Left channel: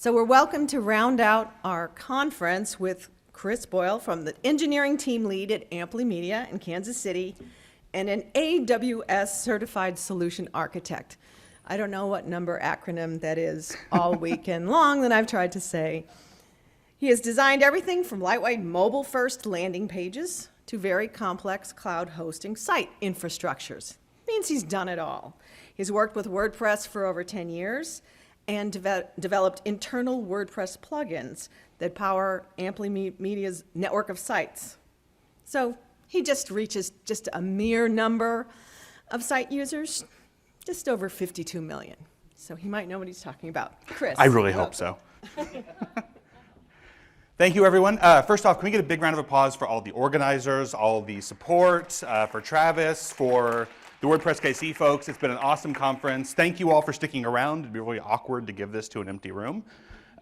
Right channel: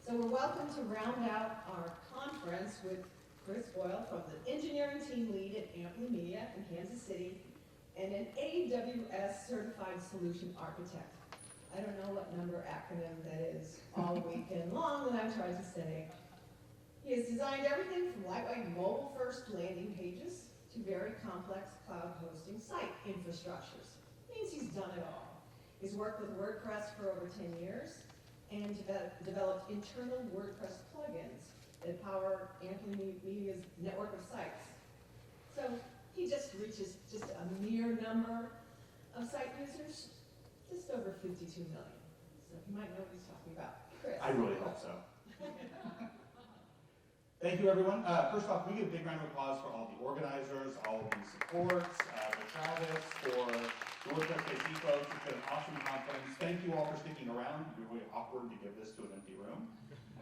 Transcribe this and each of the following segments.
So we're welcome to round out our conference with Chris Boyle from the engineering team lead at Amply Media in Kansas City and an AWS certified solution architect. I don't know what number acronym that is all weekend long that I've tried to say. He has designed everything from lightweight mobile-first landing pages to very complex cloud hosting site infrastructures. Means he's done it all. He's worked with WordPress for over 10 years and developed internal WordPress plugins that power Amply Media's network of sites. So he just reaches just a mere number of site users, just over 52 million. So he might know what he's talking about. Chris. I really hope so. Thank you, everyone. First off, can we get a big round of applause for all the organizers, all the support, for Travis, for the WordPress KC folks. It's been an awesome conference. Thank you all for sticking around. It'd be really awkward to give this to an empty room.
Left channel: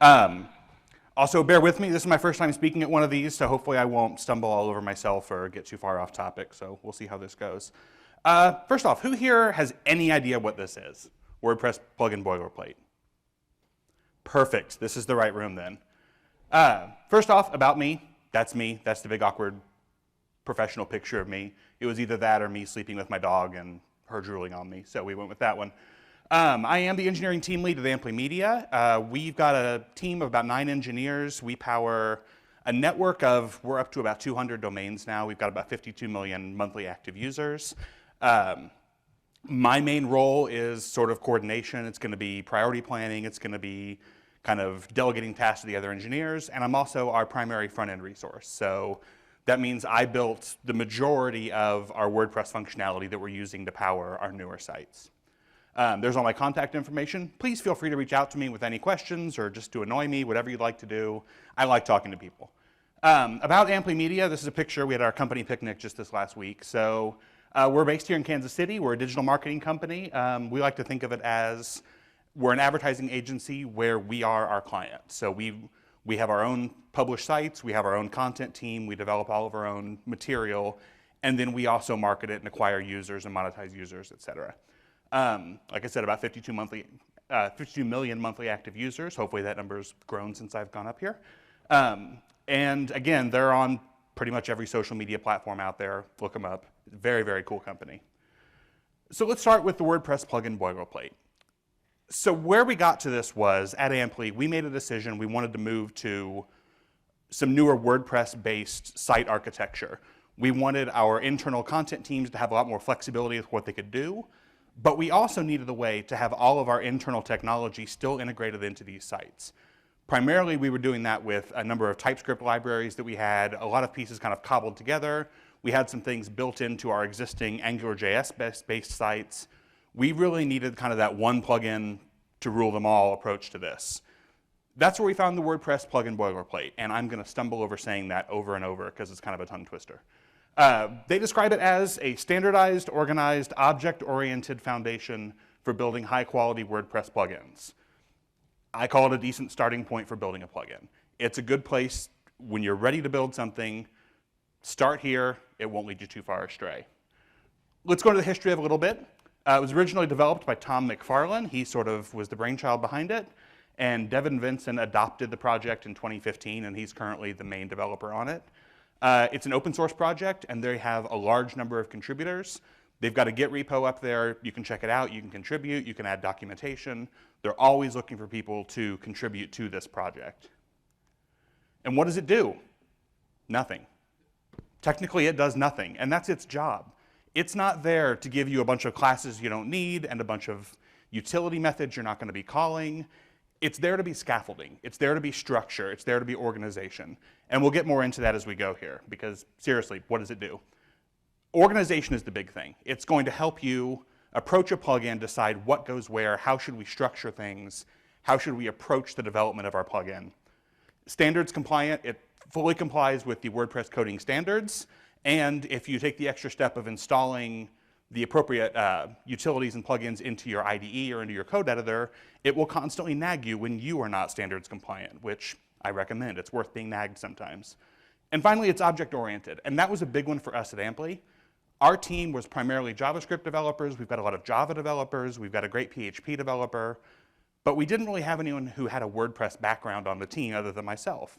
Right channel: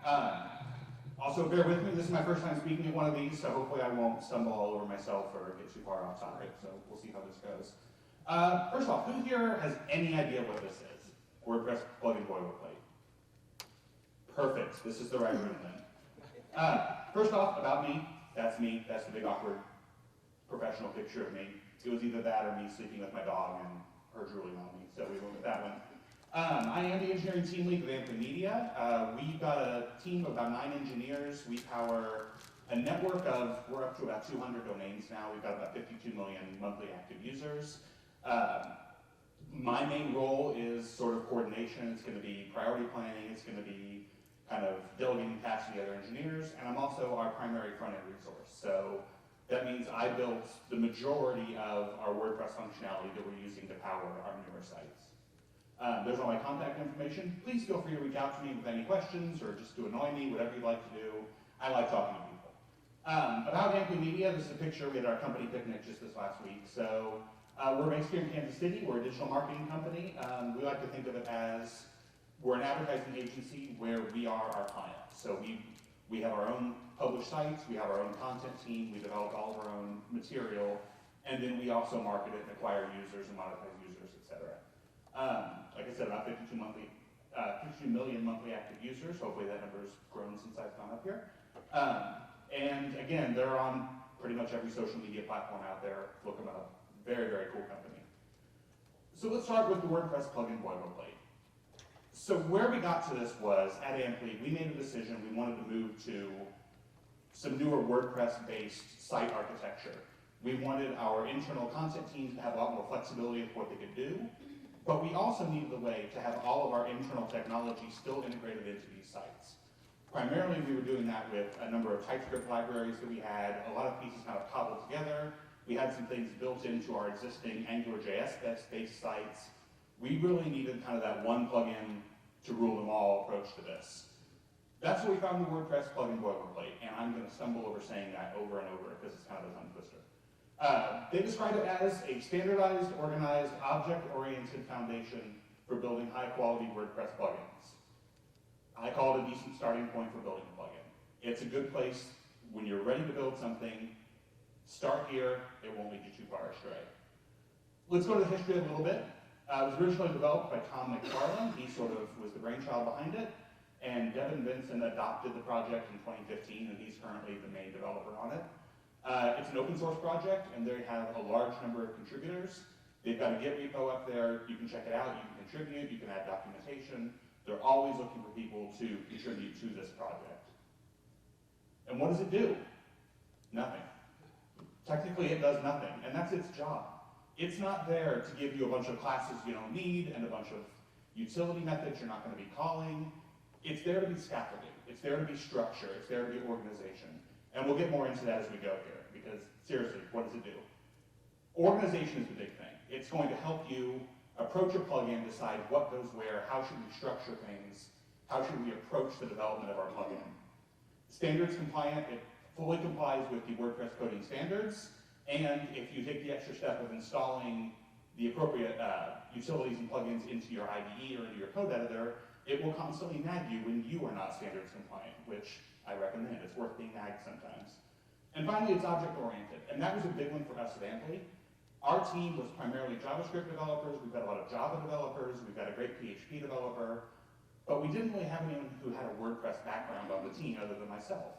Also, bear with me. This is my first time speaking at one of these, so hopefully I won't stumble all over myself or get too far off topic, so we'll see how this goes. First off, who here has any idea what this is? WordPress Plugin Boilerplate. Perfect. This is the right room then. First off, about me. That's me. That's the big awkward professional picture of me. It was either that or me sleeping with my dog and her drooling on me, so we went with that one. I am the engineering team lead at Amply Media. We've got a team of about 9 engineers. We power a network of, we're up to about 200 domains now. We've got about 52 million monthly active users. My main role is sort of coordination. It's going to be priority planning. It's going to be kind of delegating tasks to the other engineers. And I'm also our primary front-end resource. So that means I built the majority of our WordPress functionality that we're using to power our newer sites. There's all my contact information. Please feel free to reach out to me with any questions or just to annoy me, whatever you'd like to do. I like talking to people. About Amply Media, this is a picture. We had our company picnic just this last week. So we're based here in Kansas City. We're a digital marketing company. We like to think of it as we're an advertising agency where we are our client. So we have our own published sites, we have our own content team, we develop all of our own material, and then we also market it and acquire users and monetize users, et cetera. Like I said, about 52 million monthly active users. Hopefully that number's grown since I've gone up here. And again, they're on pretty much every social media platform out there. Look them up. Very, very cool company. So let's start with the WordPress Plugin Boilerplate. So where we got to this was, at Amply, we made a decision. We wanted to move to some newer WordPress-based site architecture. We wanted our internal content teams to have a lot more flexibility with what they could do, but we also needed a way to have all of our internal technology still integrated into these sites. Primarily, we were doing that with a number of TypeScript libraries that we had, a lot of pieces kind of cobbled together. We had some things built into our existing AngularJS-based sites. We really needed kind of that one plugin to rule them all approach to this. That's where we found the WordPress Plugin Boilerplate, and I'm going to stumble over saying that over and over because it's kind of a tongue twister. They describe it as a standardized, organized, object-oriented foundation for building high-quality WordPress plugins. I call it a decent starting point for building a plugin. It's a good place when you're ready to build something. Start here. It won't lead you too far astray. Let's go to the history of it a little bit. It was originally developed by Tom McFarlane. He sort of was the brainchild behind it. And Devin Vincent adopted the project in 2015, and he's currently the main developer on it. It's an open source project, and they have a large number of contributors. They've got a Git repo up there. You can check it out. You can contribute. You can add documentation. They're always looking for people to contribute to this project. And what does it do? Nothing. Technically, it does nothing, and that's its job. It's not there to give you a bunch of classes you don't need and a bunch of utility methods you're not going to be calling. It's there to be scaffolding. It's there to be structure. It's there to be organization. And we'll get more into that as we go here, because seriously, what does it do? Organization is the big thing. It's going to help you approach a plugin, decide what goes where, how should we structure things, how should we approach the development of our plugin. Standards compliant, it fully complies with the WordPress coding standards. And if you take the extra step of installing the appropriate utilities and plugins into your IDE or into your code editor, it will constantly nag you when you are not standards compliant, which I recommend. It's worth being nagged sometimes. And finally, it's object-oriented. And that was a big one for us at Amply. Our team was primarily JavaScript developers. We've got a lot of Java developers. We've got a great PHP developer. but we didn't really have anyone who had a WordPress background on the team other than myself.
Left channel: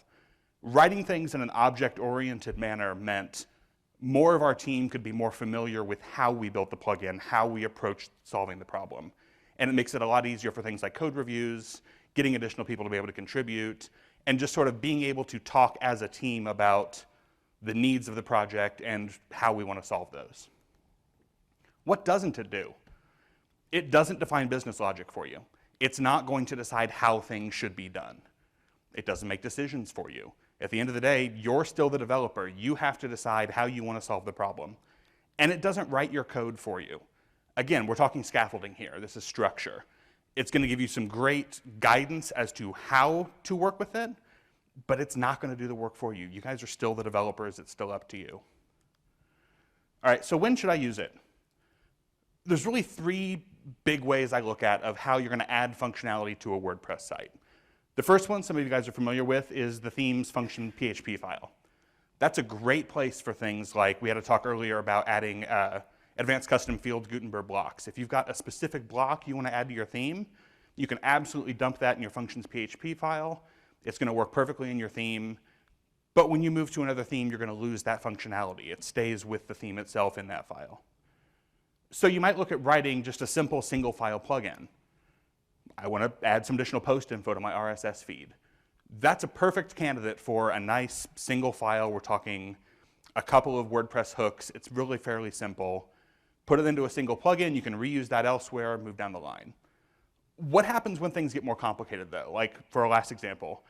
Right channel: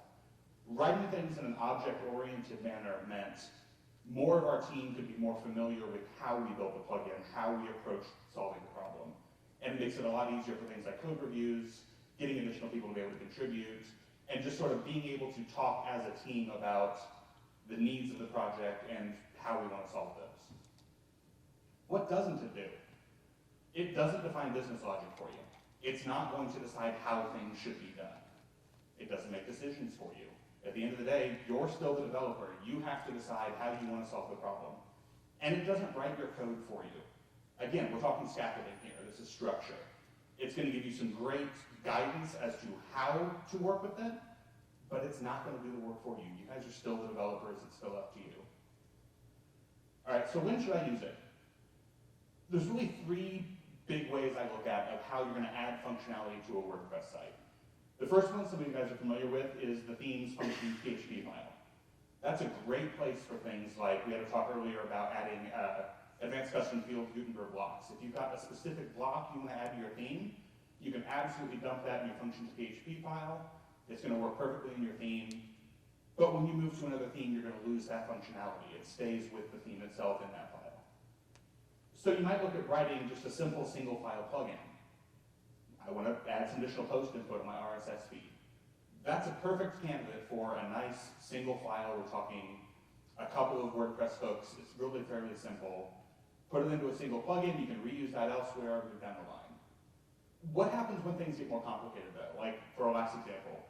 Writing things in an object-oriented manner meant more of our team could be more familiar with how we built the plugin, how we approached solving the problem. And it makes it a lot easier for things like code reviews, getting additional people to be able to contribute, and just sort of being able to talk as a team about the needs of the project and how we want to solve those. What doesn't it do? It doesn't define business logic for you. It's not going to decide how things should be done. It doesn't make decisions for you. At the end of the day, you're still the developer. You have to decide how you want to solve the problem. And it doesn't write your code for you. Again, we're talking scaffolding here. This is structure. It's going to give you some great guidance as to how to work with it, but it's not going to do the work for you. You guys are still the developers. It's still up to you. All right, so when should I use it? There's really three big ways I look at of how you're going to add functionality to a WordPress site. The first one, some of you guys are familiar with, is the themes function.php file. That's a great place for things like, we had a talk earlier about adding advanced custom field Gutenberg blocks. If you've got a specific block you want to add to your theme, you can absolutely dump that in your functions.php file. It's going to work perfectly in your theme. But when you move to another theme, you're going to lose that functionality. It stays with the theme itself in that file. So you might look at writing just a simple single file plugin. I want to add some additional post info to my RSS feed. That's a perfect candidate for a nice single file. We're talking a couple of WordPress hooks. It's really fairly simple. Put it into a single plugin. You can reuse that elsewhere, move down the line. What happens when things get more complicated though? Like for our last example,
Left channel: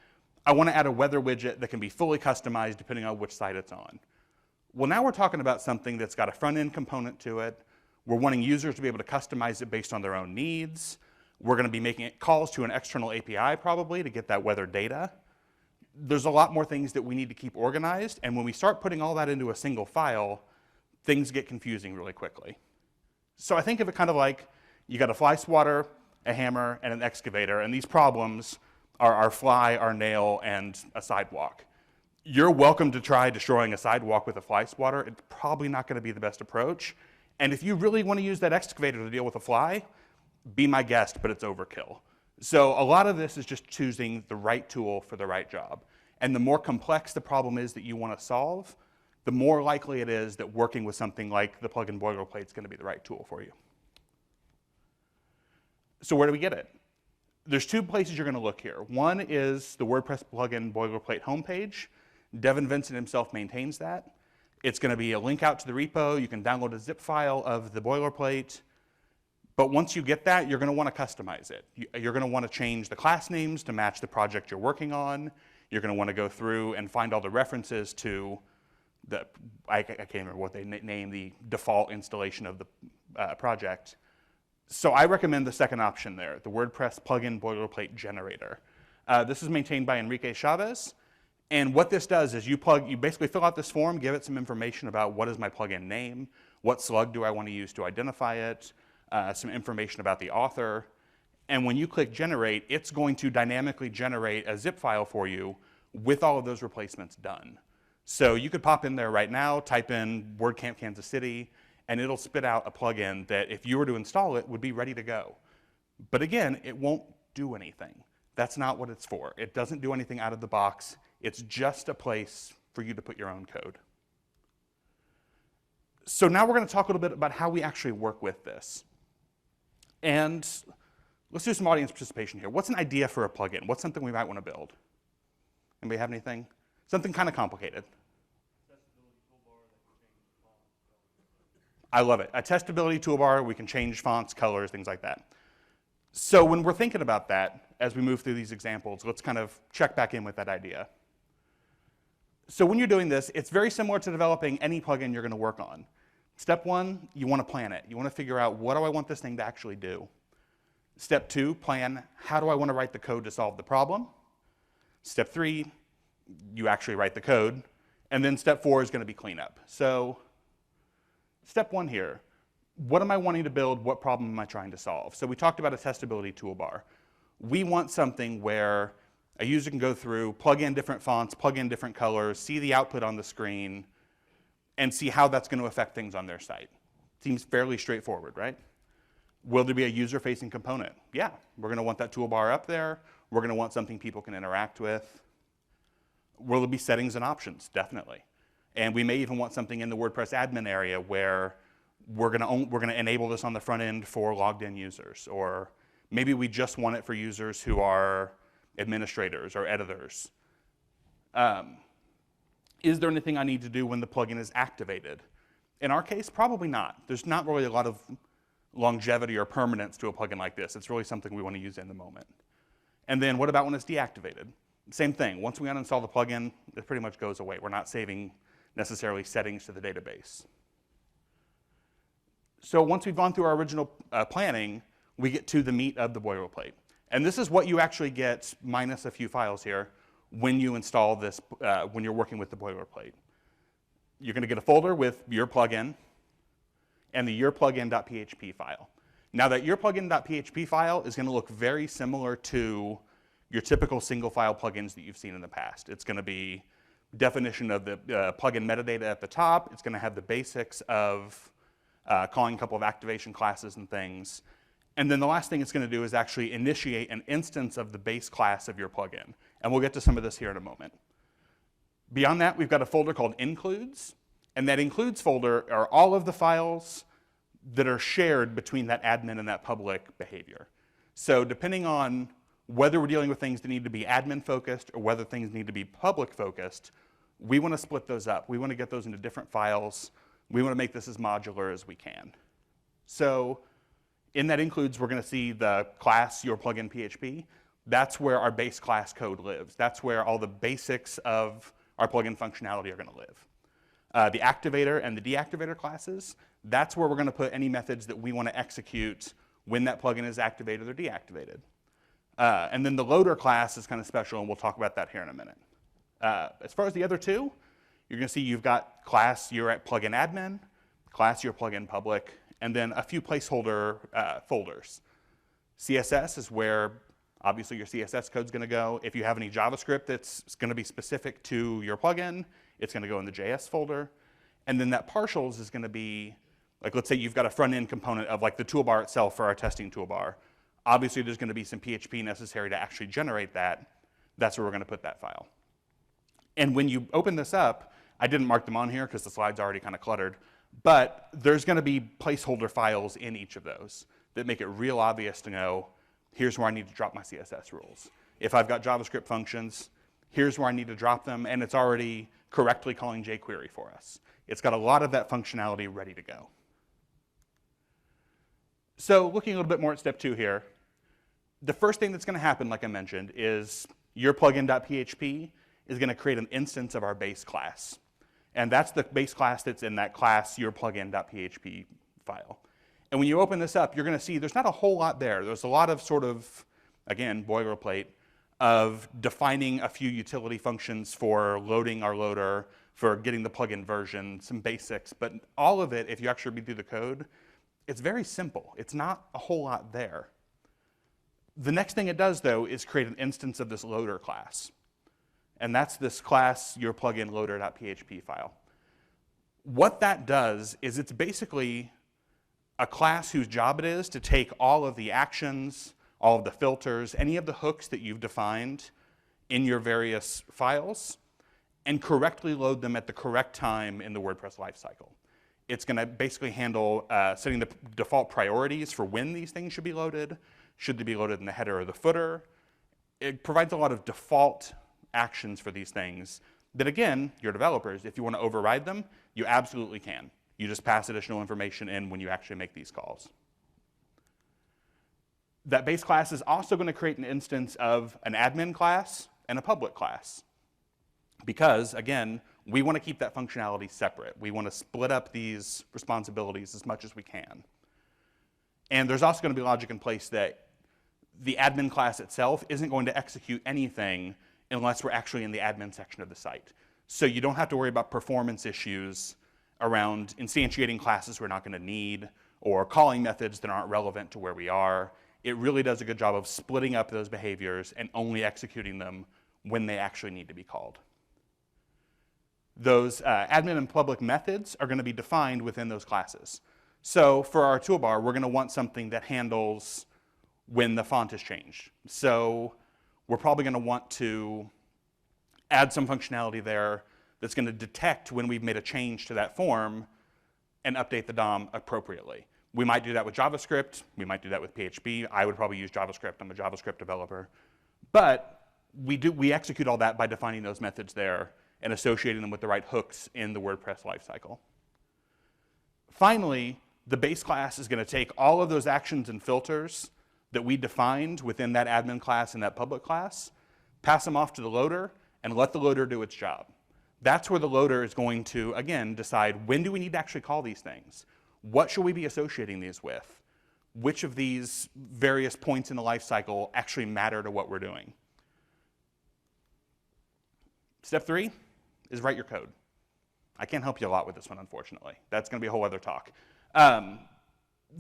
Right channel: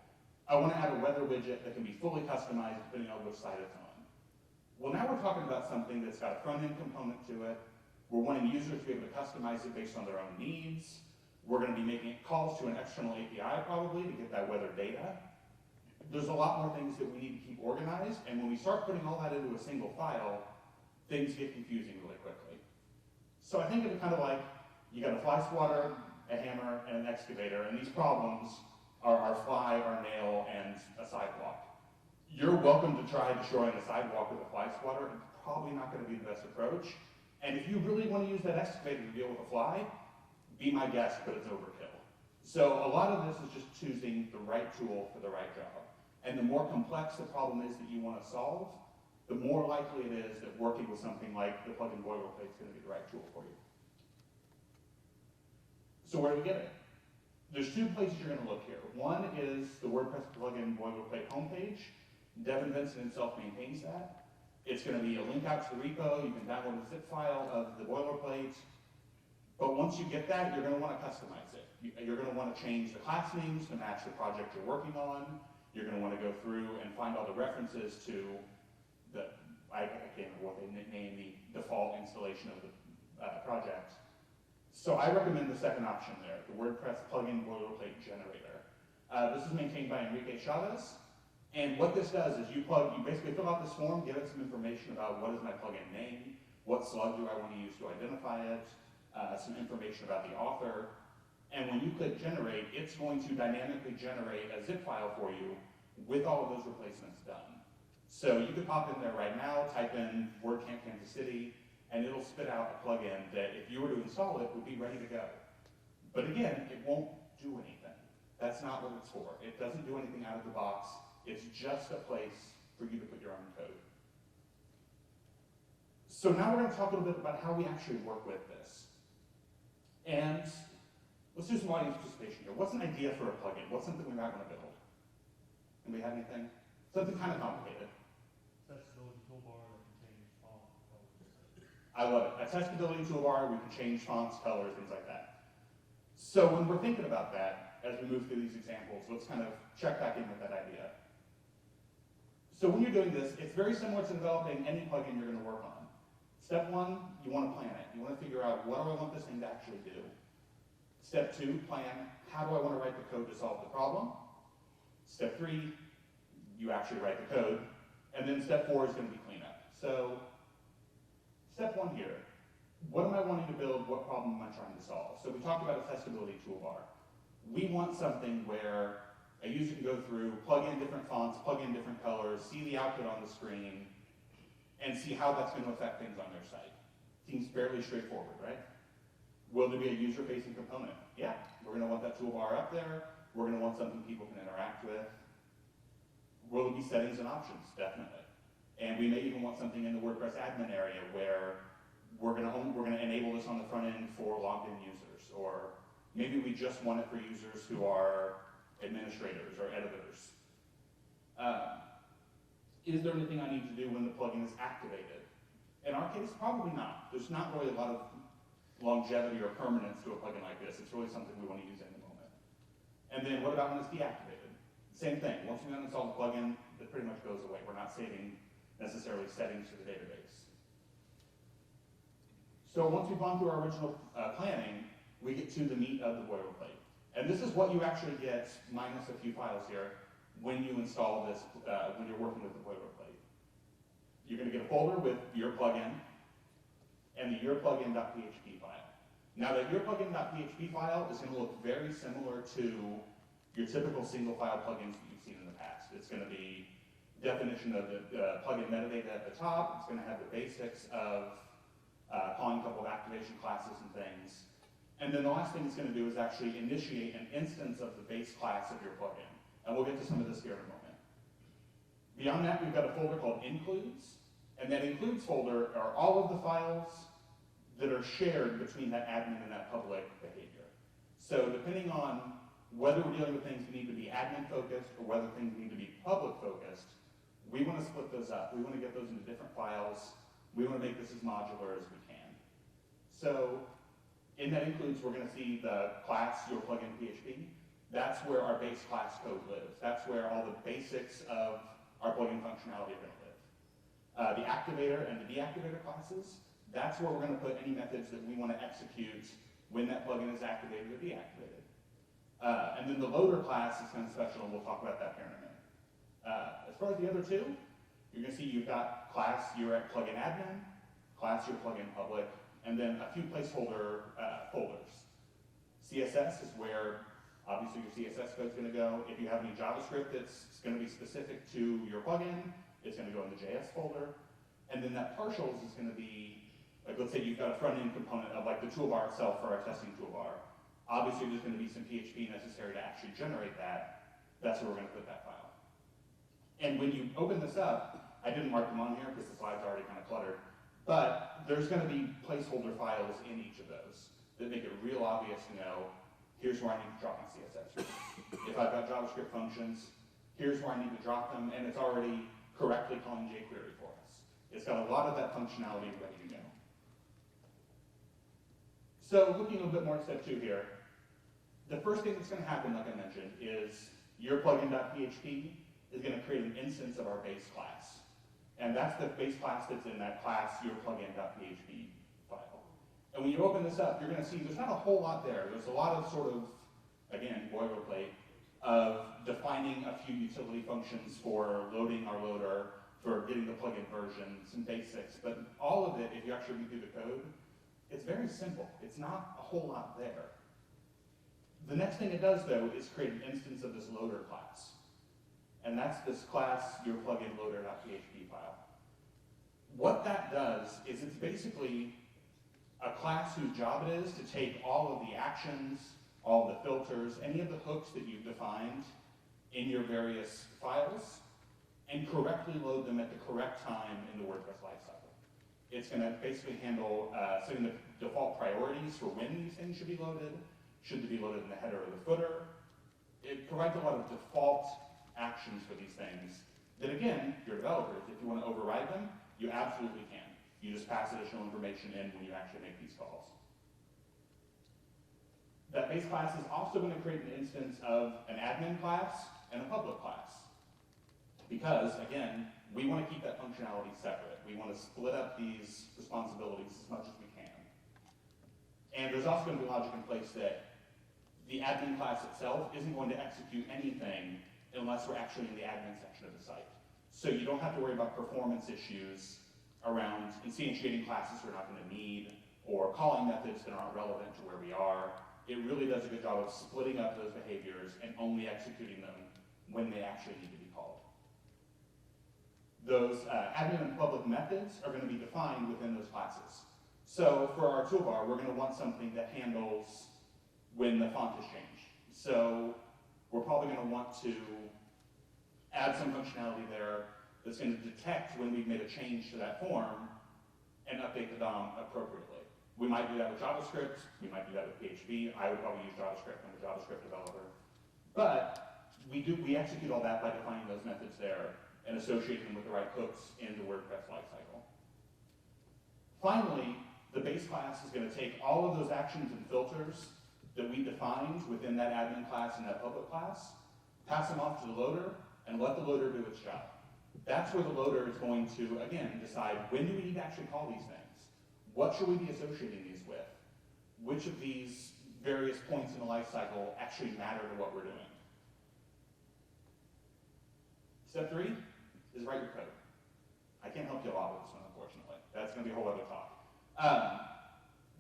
I want to add a weather widget that can be fully customized depending on which site it's on. Well, now we're talking about something that's got a front-end component to it. We're wanting users to be able to customize it based on their own needs. We're going to be making calls to an external API probably to get that weather data. There's a lot more things that we need to keep organized, and when we start putting all that into a single file, things get confusing really quickly. So I think of it kind of like you got a fly swatter, a hammer, and an excavator, and these problems are our fly, our nail, and a sidewalk. You're welcome to try destroying a sidewalk with a fly swatter. It's probably not going to be the best approach. And if you really want to use that excavator to deal with a fly, be my guest, but it's overkill. So a lot of this is just choosing the right tool for the right job. And the more complex the problem is that you want to solve, the more likely it is that working with something like the plugin Boilerplate is going to be the right tool for you. So where do we get it? There's two places you're going to look here. One is the WordPress Plugin Boilerplate homepage. Devin Vincent himself maintains that. It's going to be a link out to the repo. You can download a zip file of the boilerplate. But once you get that, you're going to want to customize it. You're going to want to change the class names to match the project you're working on. You're going to want to go through and find all the references to the, I can't remember what they name the default installation of the project. So I recommend the second option there, the WordPress Plugin Boilerplate Generator. This is maintained by Enrique Chavez. And what this does is you basically fill out this form, give it some information about what is my plugin name, what slug do I want to use to identify it, some information about the author. And when you click generate, it's going to dynamically generate a zip file for you with all of those replacements done. So you could pop in there right now, type in WordCamp Kansas City, and it'll spit out a plugin that if you were to install it would be ready to go. But again, it won't do anything. That's not what it's for. It doesn't do anything out of the box. It's just a place for you to put your own code. So now we're going to talk a little bit about how we actually work with this. And let's do some audience participation here. What's an idea for a plugin? What's something we might want to build? Anybody have anything? Something kind of complicated. I love it. A testability toolbar, we can change fonts, colors, things like that. So when we're thinking about that, as we move through these examples, let's kind of check back in with that idea. So when you're doing this, it's very similar to developing any plugin you're going to work on. Step one, you want to plan it. You want to figure out, what do I want this thing to actually do? Step two, plan, how do I want to write the code to solve the problem? Step three, you actually write the code. And then step four is going to be cleanup. So step one here, what am I wanting to build? What problem am I trying to solve? So we talked about a testability toolbar. We want something where a user can go through, plug in different fonts, plug in different colors, see the output on the screen, and see how that's going to affect things on their site. Seems fairly straightforward, right? Will there be a user-facing component? Yeah, we're going to want that toolbar up there. We're going to want something people can interact with. Will there be settings and options? Definitely. And we may even want something in the WordPress admin area where we're going to enable this on the front end for logged in users, or maybe we just want it for users who are administrators or editors. Is there anything I need to do when the plugin is activated? In our case, probably not. There's not really a lot of longevity or permanence to a plugin like this. It's really something we want to use in the moment. And then what about when it's deactivated? Same thing. Once we uninstall the plugin, it pretty much goes away. We're not saving necessarily settings to the database. So once we've gone through our original planning, we get to the meat of the boilerplate. And this is what you actually get, minus a few files here, when you install this, when you're working with the boilerplate. You're going to get a folder with your plugin and the yourplugin.php file. Now that yourplugin.php file is going to look very similar to your typical single file plugins that you've seen in the past. It's going to be definition of the plugin metadata at the top. It's going to have the basics of calling a couple of activation classes and things. And then the last thing it's going to do is actually initiate an instance of the base class of your plugin. And we'll get to some of this here in a moment. Beyond that, we've got a folder called includes. And that includes folder are all of the files that are shared between that admin and that public behavior. So depending on whether we're dealing with things that need to be admin focused or whether things need to be public focused, we want to split those up. We want to get those into different files. We want to make this as modular as we can. So in that includes, we're going to see the class yourplugin.php. That's where our base class code lives. That's where all the basics of our plugin functionality are going to live. The activator and the deactivator classes, that's where we're going to put any methods that we want to execute when that plugin is activated or deactivated. And then the loader class is kind of special, and we'll talk about that here in a minute. As far as the other two, you're going to see you've got class your plugin admin, class your plugin public, and then a few placeholder folders. CSS is where obviously your CSS code is going to go. If you have any JavaScript that's going to be specific to your plugin, it's going to go in the JS folder. And then that partials is going to be, like let's say you've got a front-end component of like the toolbar itself for our testing toolbar. Obviously there's going to be some PHP necessary to actually generate that. That's where we're going to put that file. And when you open this up, I didn't mark them on here because the slide's already kind of cluttered, but there's going to be placeholder files in each of those that make it real obvious to know, here's where I need to drop my CSS rules. If I've got JavaScript functions, here's where I need to drop them, and it's already correctly calling jQuery for us. It's got a lot of that functionality ready to go. So looking a little bit more at step 2 here, the first thing that's going to happen, like I mentioned, is your plugin.php is going to create an instance of our base class. And that's the base class that's in that class your plugin.php file. And when you open this up, you're going to see there's not a whole lot there. There's a lot of sort of, again, boilerplate of defining a few utility functions for loading our loader, for getting the plugin version, some basics. But all of it, if you actually read through the code, it's very simple. It's not a whole lot there. The next thing it does, though, is create an instance of this loader class. And that's this class, your plugin loader.php file. What that does is it's basically a class whose job it is to take all of the actions, all of the filters, any of the hooks that you've defined in your various files, and correctly load them at the correct time in the WordPress lifecycle. It's going to basically handle setting the default priorities for when these things should be loaded. Should they be loaded in the header or the footer? It provides a lot of default actions for these things that, again, your developers, if you want to override them, you absolutely can. You just pass additional information in when you actually make these calls. That base class is also going to create an instance of an admin class and a public class. Because, again, we want to keep that functionality separate. We want to split up these responsibilities as much as we can. And there's also going to be logic in place that the admin class itself isn't going to execute anything unless we're actually in the admin section of the site. So you don't have to worry about performance issues around instantiating classes we're not going to need or calling methods that aren't relevant to where we are. It really does a good job of splitting up those behaviors and only executing them when they actually need to be called. Those admin and public methods are going to be defined within those classes. So for our toolbar, we're going to want something that handles when the font is changed. So we're probably going to want to add some functionality there that's going to detect when we've made a change to that form and update the DOM appropriately. We might do that with JavaScript. We might do that with PHP. I would probably use JavaScript. I'm a JavaScript developer. But we execute all that by defining those methods there and associating them with the right hooks in the WordPress lifecycle. Finally, the base class is going to take all of those actions and filters that we defined within that admin class and that public class, pass them off to the loader, and let the loader do its job. That's where the loader is going to, again, decide when do we need to actually call these things? What should we be associating these with? Which of these various points in the life cycle actually matter to what we're doing? Step 3 is write your code. I can't help you a lot with this one, unfortunately. That's going to be a whole other talk.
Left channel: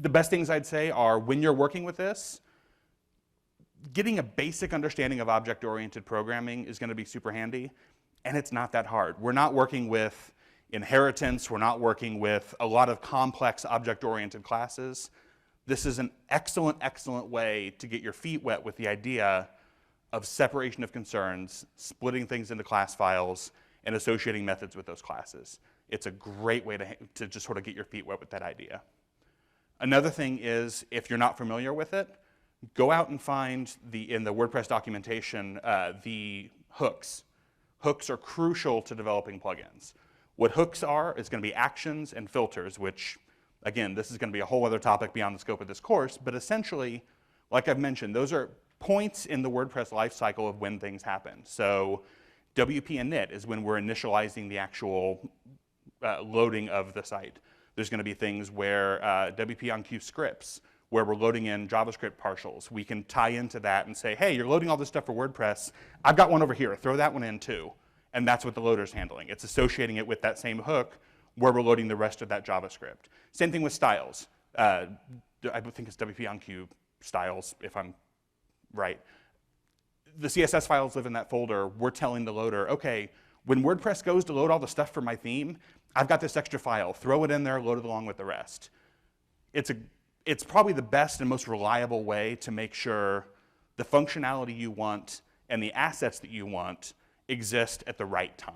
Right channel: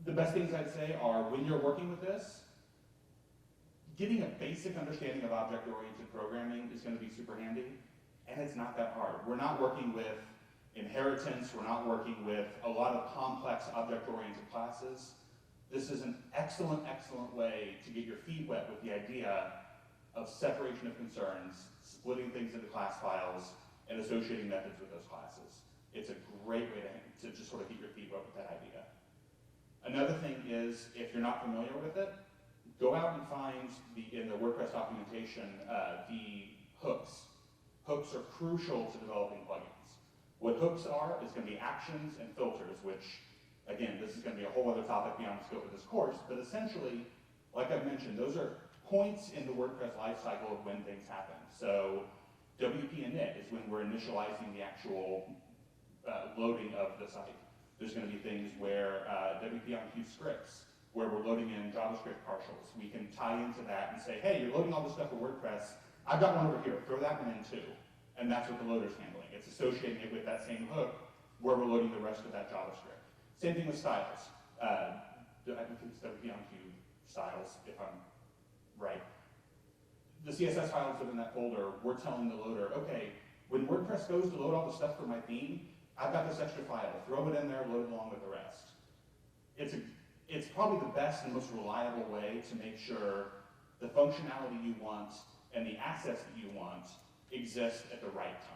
The best things I'd say are when you're working with this, getting a basic understanding of object-oriented programming is going to be super handy, and it's not that hard. We're not working with inheritance. We're not working with a lot of complex object-oriented classes. This is an excellent, excellent way to get your feet wet with the idea of separation of concerns, splitting things into class files, and associating methods with those classes. It's a great way to just sort of get your feet wet with that idea. Another thing is, if you're not familiar with it, go out and find in the WordPress documentation the hooks. Hooks are crucial to developing plugins. What hooks are is going to be actions and filters, which, again, this is going to be a whole other topic beyond the scope of this course, but essentially, like I've mentioned, those are points in the WordPress lifecycle of when things happen. So WP init is when we're initializing the actual loading of the site. There's going to be things where WP on queue scripts, where we're loading in JavaScript partials. We can tie into that and say, hey, you're loading all this stuff for WordPress. I've got one over here. Throw that one in too. And that's what the loader's handling. It's associating it with that same hook where we're loading the rest of that JavaScript. Same thing with styles. I think it's WP on queue styles, if I'm right. The CSS files live in that folder. We're telling the loader, okay, when WordPress goes to load all the stuff for my theme, I've got this extra file. Throw it in there, load it along with the rest. It's probably the best and most reliable way to make sure the functionality you want and the assets that you want exist at the right time.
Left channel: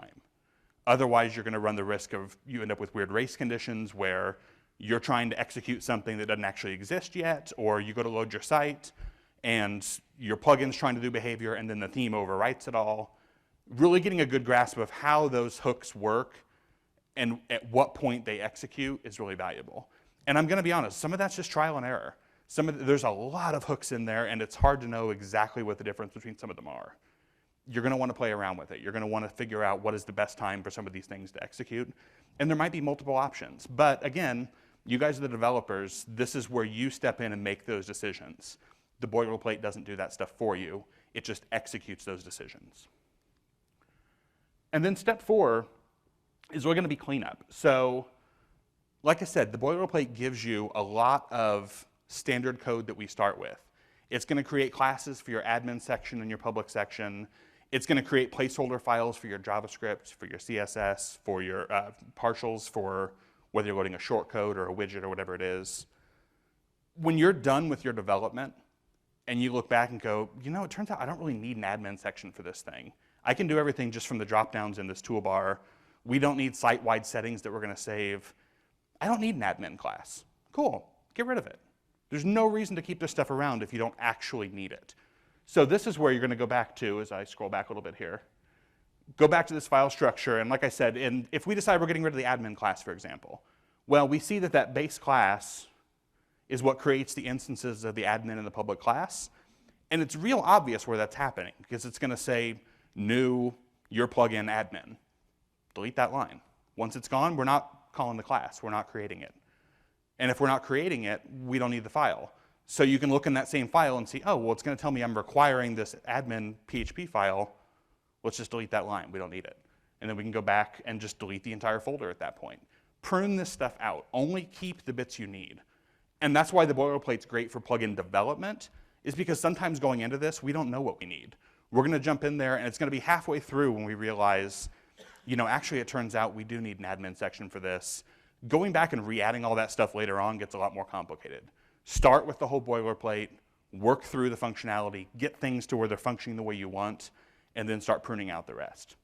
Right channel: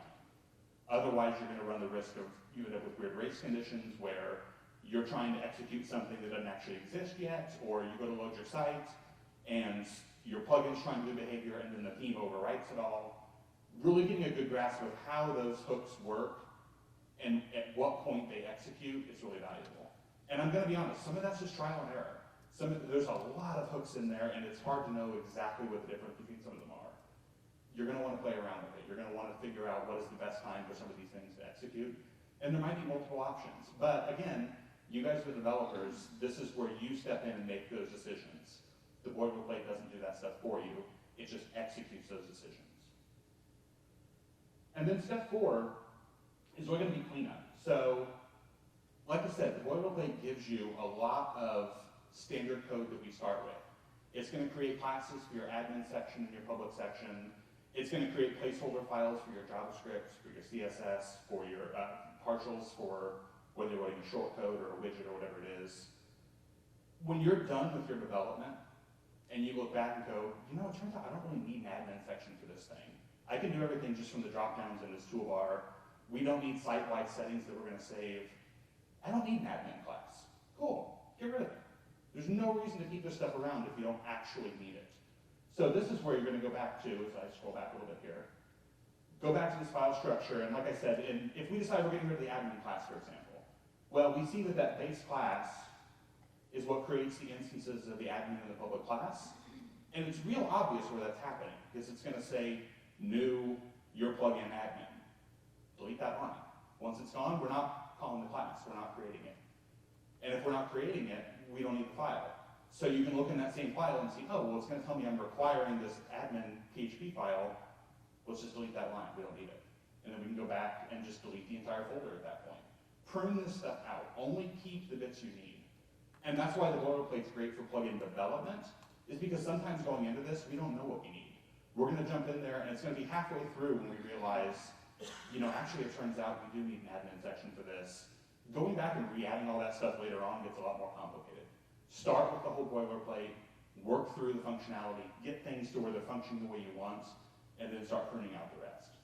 Otherwise, you're going to run the risk of you end up with weird race conditions where you're trying to execute something that doesn't actually exist yet, or you go to load your site and your plugin's trying to do behavior and then the theme overwrites it all. Really getting a good grasp of how those hooks work and at what point they execute is really valuable. And I'm going to be honest, some of that's just trial and error. There's a lot of hooks in there, and it's hard to know exactly what the difference between some of them are. You're going to want to play around with it. You're going to want to figure out what is the best time for some of these things to execute. And there might be multiple options. But again, you guys are the developers. This is where you step in and make those decisions. The boilerplate doesn't do that stuff for you. It just executes those decisions. And then step 4 is we're going to be cleanup. So, like I said, the boilerplate gives you a lot of standard code that we start with. It's going to create classes for your admin section and your public section. It's going to create placeholder files for your JavaScript, for your CSS, for your partials, for whether you're loading a shortcode or a widget or whatever it is. When you're done with your development and you look back and go, you know, it turns out I don't really need an admin section for this thing. I can do everything just from the drop-downs in this toolbar. We don't need site-wide settings that we're going to save. I don't need an admin class. Cool, get rid of it. There's no reason to keep this stuff around if you don't actually need it. So this is where you're going to go back to, as I scroll back a little bit here. Go back to this file structure, and like I said, if we decide we're getting rid of the admin class, for example, well, we see that that base class is what creates the instances of the admin and the public class, and it's real obvious where that's happening, because it's going to say, new, your plugin admin. Delete that line. Once it's gone, we're not calling the class. We're not creating it. And if we're not creating it, we don't need the file. So you can look in that same file and see, oh, well, it's going to tell me I'm requiring this admin PHP file. Let's just delete that line. We don't need it. And then we can go back and just delete the entire folder at that point. Prune this stuff out. Only keep the bits you need. And that's why the boilerplate's great for plugin development, is because sometimes going into this, we don't know what we need. We're going to jump in there, and it's going to be halfway through when we realize, you know, actually it turns out we do need an admin section for this. Going back and re-adding all that stuff later on gets a lot more complicated. Start with the whole boilerplate, work through the functionality, get things to where they're functioning the way you want, and then start pruning out the rest.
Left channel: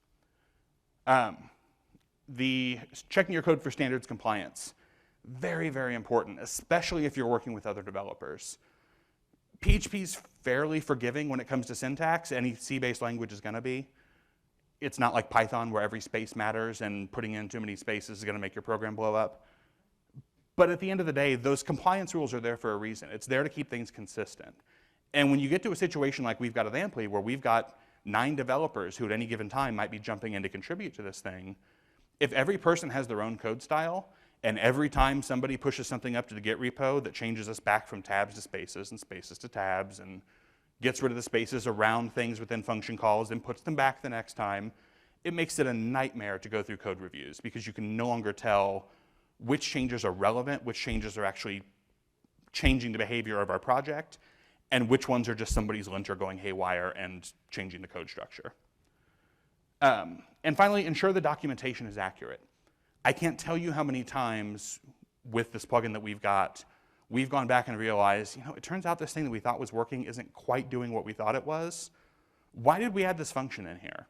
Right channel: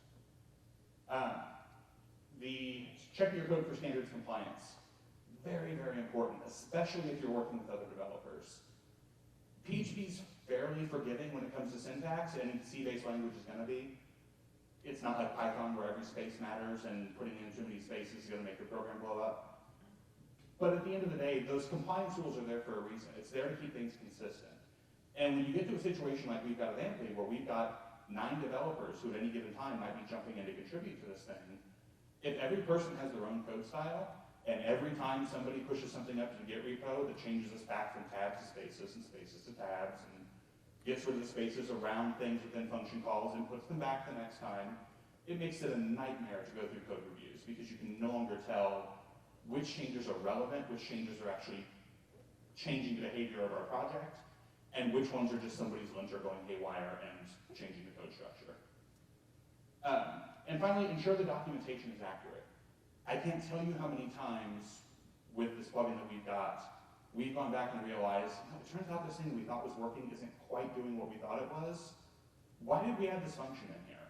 The checking your code for standards compliance, very, very important, especially if you're working with other developers. PHP's fairly forgiving when it comes to syntax. Any C-based language is going to be. It's not like Python where every space matters and putting in too many spaces is going to make your program blow up. But at the end of the day, those compliance rules are there for a reason. It's there to keep things consistent. And when you get to a situation like we've got at Amply, where we've got 9 developers who at any given time might be jumping in to contribute to this thing, if every person has their own code style, and every time somebody pushes something up to the Git repo that changes us back from tabs to spaces and spaces to tabs and gets rid of the spaces around things within function calls and puts them back the next time, it makes it a nightmare to go through code reviews because you can no longer tell which changes are relevant, which changes are actually changing the behavior of our project, and which ones are just somebody's linter going haywire and changing the code structure. And finally, ensure the documentation is accurate. I can't tell you how many times with this plugin that we've gone back and realized, it turns out this thing that we thought was working isn't quite doing what we thought it was. Why did we add this function in here?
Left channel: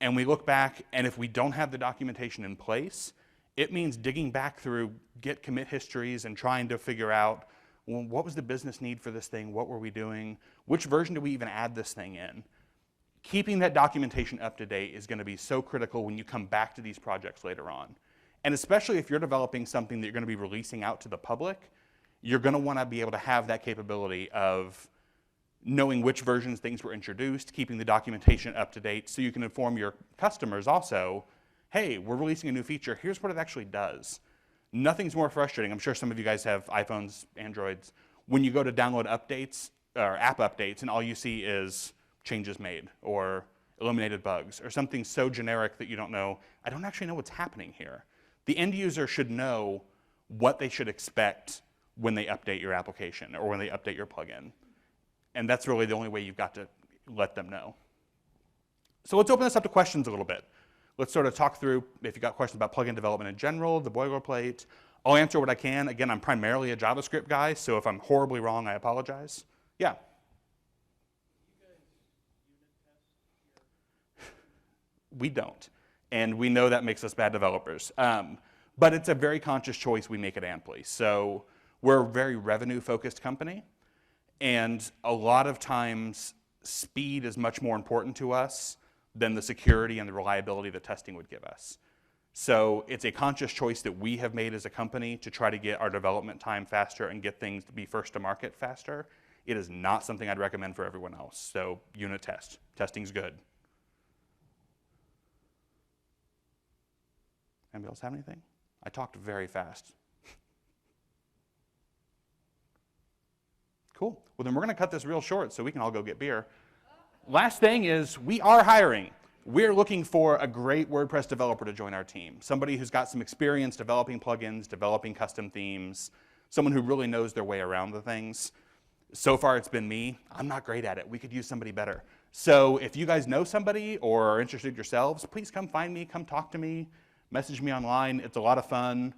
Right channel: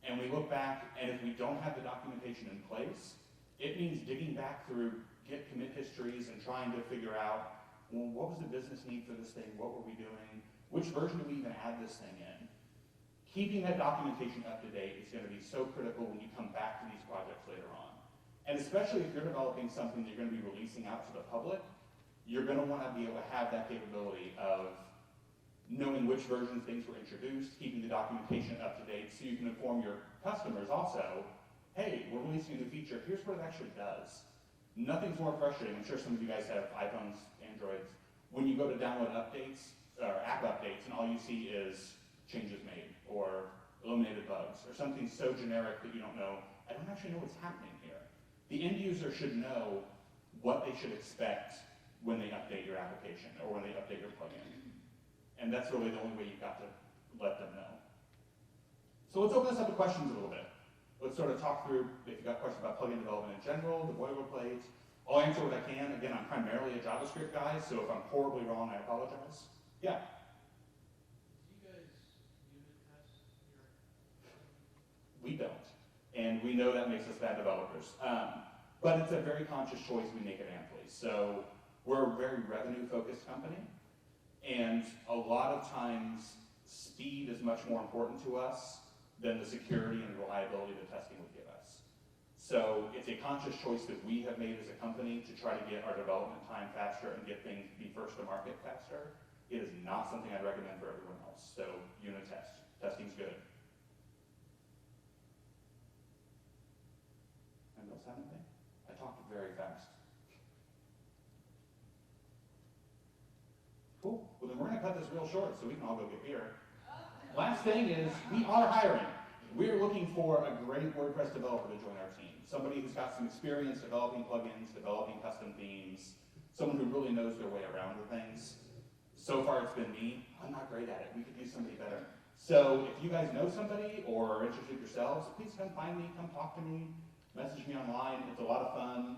And we look back, and if we don't have the documentation in place, it means digging back through Git commit histories and trying to figure out, well, what was the business need for this thing? What were we doing? Which version do we even add this thing in? Keeping that documentation up to date is going to be so critical when you come back to these projects later on. And especially if you're developing something that you're going to be releasing out to the public, you're going to want to be able to have that capability of knowing which versions things were introduced, keeping the documentation up to date so you can inform your customers also, hey, we're releasing a new feature, here's what it actually does. Nothing's more frustrating. I'm sure some of you guys have iPhones, Androids. When you go to download updates or app updates and all you see is changes made or eliminated bugs or something so generic that you don't know, I don't actually know what's happening here. The end user should know what they should expect when they update your application or when they update your plugin. And that's really the only way you've got to let them know. So let's open this up to questions a little bit. Let's sort of talk through if you've got questions about plugin development in general, the boilerplate. I'll answer what I can. Again, I'm primarily a JavaScript guy, so if I'm horribly wrong, I apologize. Yeah? We don't. And we know that makes us bad developers. But it's a very conscious choice we make at Amply. So we're a very revenue-focused company. And a lot of times, speed is much more important to us than the security and the reliability that testing would give us. So it's a conscious choice that we have made as a company to try to get our development time faster and get things to be first to market faster. It is not something I'd recommend for everyone else. So unit test. Testing's good. Anybody else have anything? I talked very fast. Cool. Well, then we're going to cut this real short so we can all go get beer. Last thing is we are hiring. We're looking for a great WordPress developer to join our team. Somebody who's got some experience developing plugins, developing custom themes, someone who really knows their way around the things. So far it's been me. I'm not great at it. We could use somebody better. So if you guys know somebody or are interested yourselves, please come find me, come talk to me, message me online. It's a lot of fun.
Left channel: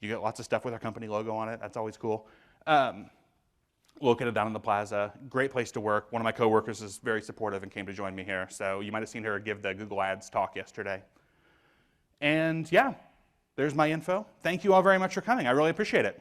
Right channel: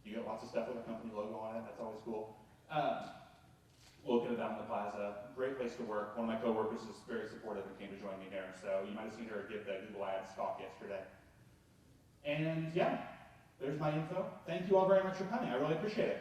You get lots of stuff with our company logo on it. That's always cool. Located down in the plaza. Great place to work. One of my coworkers is very supportive and came to join me here. So you might have seen her give the Google Ads talk yesterday. And yeah, there's my info. Thank you all very much for coming. I really appreciate it.